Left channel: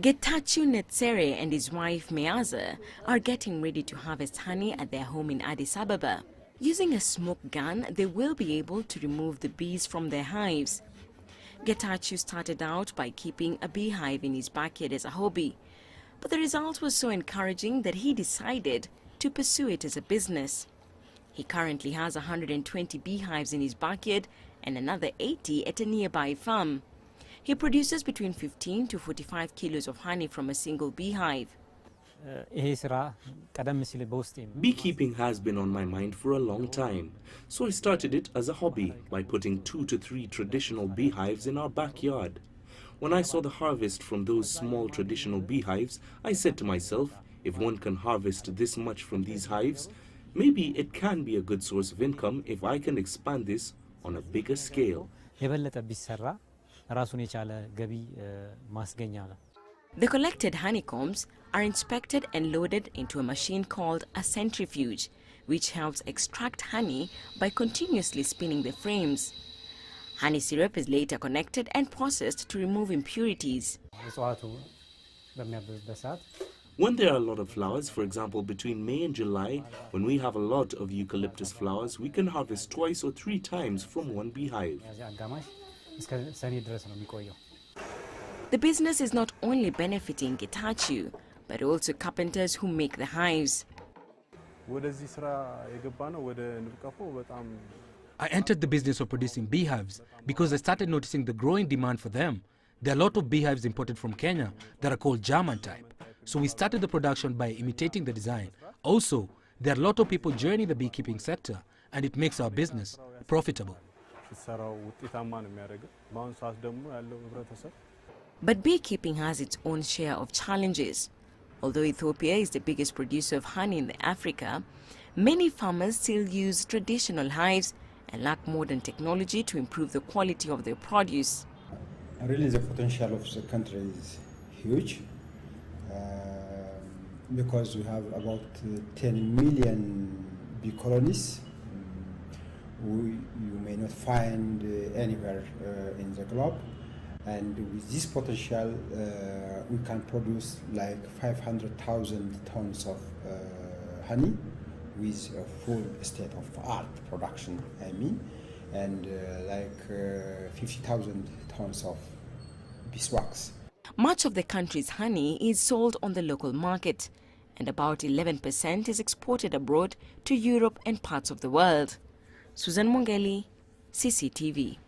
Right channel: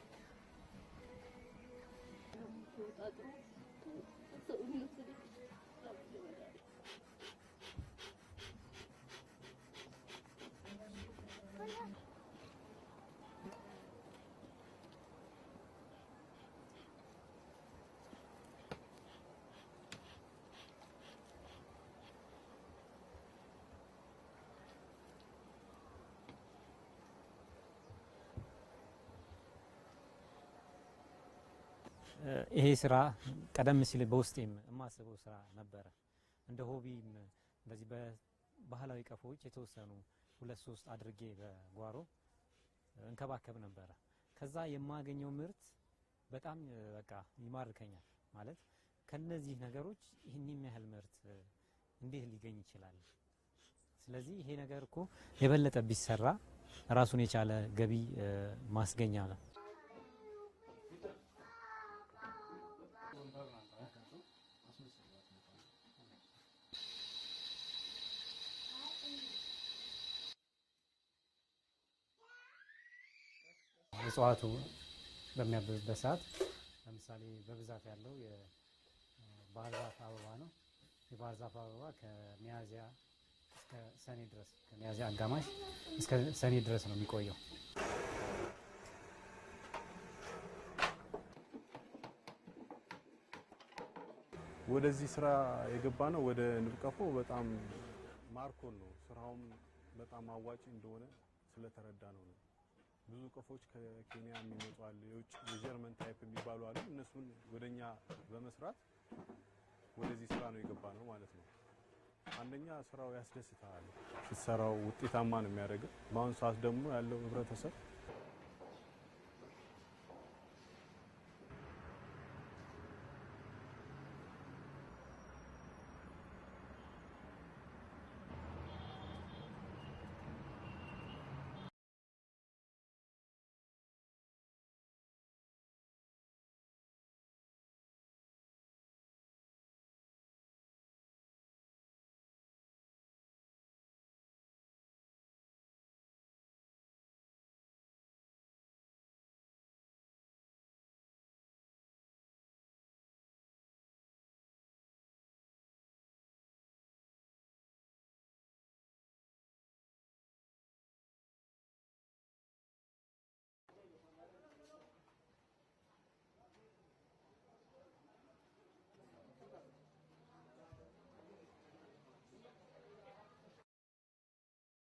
Getachew Netsere and his wife Meaza are getting ready to harvest honey at their home in Addis Ababa. Using a smoke gun, they will be able to remove the bees from their hives. Getachew started out by keeping a beehive in his backyard as a hobby, but the result was so encouraging that he decided to pursue it as a business. He currently has 120 beehives in his backyard and another 80 at a nearby farm. He produces between 15 to 45 kilos of honey from a single beehive. Beekeeping has been on my mind for a long time, so I started it as a hobby by putting 2 to 3 traditional beehives in our backyard. When I saw the harvest from those small traditional beehives, I said to myself, if one can harvest this much from these hives, maybe it can be a good source of income if I can expand this on a bigger scale. The collected honeycombs are inspected and loaded into a machine called a centrifuge, which helps extract honey by continuously spinning the frames. Honey syrup is later connected and processed to remove impurities. When there are a lot of flowers, for example between May and July, when we have a lot of eucalyptus flowers, we can harvest 2 or 3 times from one beehive. The business is not only benefiting Getachew, but also carpenters who make the hives. I entered the business of producing beehives because I started noticing the growing demand for them. There are a lot of beehives imported from Kenya that are called German type. So we started the production by imitating the design. Also, there are a lot of people joining the beekeeping sector, and it makes our business profitable. But beekeeping has its own share of challenges. Although Ethiopia is the biggest producer of honey in Africa, many farmers still use traditional hives and lack modern technology to improve the quality of their produce. Really, the potential of the country is huge because we have about 10 million bee colonies. You may not find anywhere in the globe. And with this potential, we can produce like 500,000 tons of honey with a full state-of-art production, and like 50,000 tons of beeswax. Much of the country's honey is sold on the local market, and about 11% is exported abroad to Europe and parts of the world. Susan Mongeli, CCTV.